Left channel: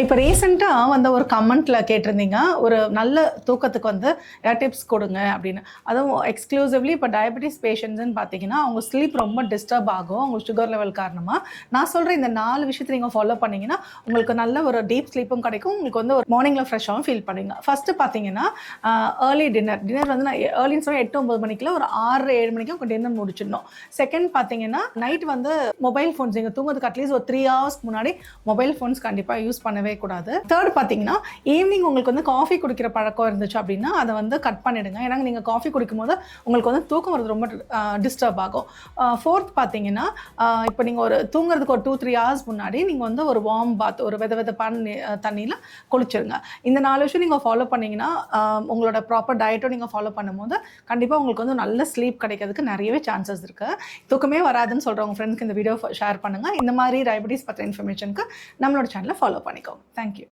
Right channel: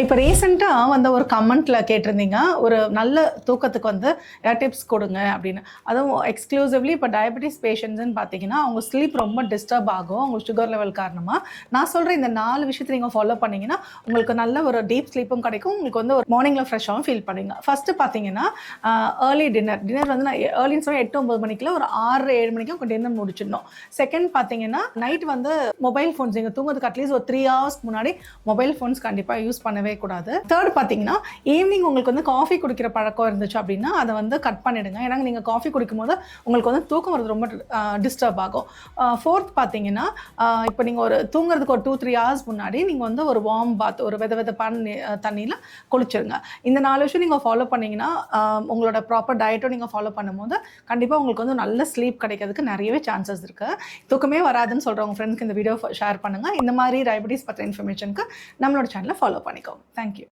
இப்போ ரீசெண்டாக வந்த ஒரு கமெண்ட்டில் கேட்டிருந்தீங்க, ஒரு நல்ல தூக்கத்துக்கு வந்து டிப்ஸ் கொடுங்க அப்படின்னு. அதுவும் எக்ஸ்க்ளூசிவ்லி இப்போ டயபெட்டிஸ் பேஷண்ட்ஸ்ன்னு பார்த்தீங்கன்னா, அவங்க ஸ்லீப் ரொம்ப டிஸ்டர்ப் ஆகும். அவங்க சுகர் லெவல் காரணமாக. நான் சொல்கிறேன் இந்த 4 விஷயத்தை நீங்கள் ஃபாலோ பண்ணீங்கன்னா, உங்களுக்கு நல்ல ஒரு டீப் ஸ்லீப்பும் கிடைக்கும். உங்களுக்கு வந்து ஒரு மார்னிங்கில் ஃப்ரெஷ்ஷாகவும் ஃபீல் பண்ணுவீங்க. ஃபஸ்ட்டு பார்த்தீங்கன்னா, ஏர்லி டின்னர் வந்து நான் ஏர்லின்னு சொன்னால் 8, 9 மணிக்குள்ள ஒரு 6, 7 மணிக்கு உங்கள் டின்னர் முடிச்சிடணும். செகண்ட் பார்த்தீங்கன்னா, நைட் வந்து மொபைல் ஃபோன்ஸ் நீங்கள் தூங்குறதுக்கு அட்லீஸ்ட் ஒரு 3 ஹவர்ஸ்க்கு முன்னாடி மொபைல் ஃபோன்ஸ் கண்டிப்பாக யூஸ் பண்ணவே கூடாது. தேர்ட் பார்த்தீங்கன்னா, ஈவினிங் உங்களுக்கு வந்து காஃபி குடிக்கிற பழக்கம் இருந்துச்சு அப்படின்னா அதை வந்து கட் பண்ணிடுங்க. ஏன்னா நீங்கள் காஃபி குடிக்கும்போது உங்களுக்கு வந்து தூக்கம் வரது ரொம்ப டிஸ்டர்ப் ஆகும். ஃபோர்த் பார்த்தீங்கன்னா, இப்போ நீங்கள் ஒரு தூங்குறதுக்கு ஒரு 2-3 ஹவர்ஸ் முன்னாடி நீங்கள் வந்து ஒரு வார்ம் பாத், ஒரு வெதப்பான தண்ணியில் குளிச்சிருங்க. இந்த 4 விஷயம் நீங்கள் ஃபாலோ பண்ணீங்கன்னா, உங்களோட ப்ராப்பர் டயட்டும் நீங்கள் ஃபாலோ பண்ணும்போது கண்டிப்பாக உங்களுக்கு வந்து நல்ல ஸ்லீப் கிடைக்கிறதுக்கு நிறையவே சான்சஸ் இருக்குது. தூக்கமே வராதுன்னு சொல்கிறவங்க ஃப்ரெண்ட்ஸ்க்கு இந்த வீடியோ ஷேர் பண்ணுங்கள். இந்த மாதிரி டயபெட்டிஸ் பற்றின இன்ஃபர்மேஷனுக்கு நம்மளோட சேனலை ஃபாலோ பண்ணிக்கோ. Thank you.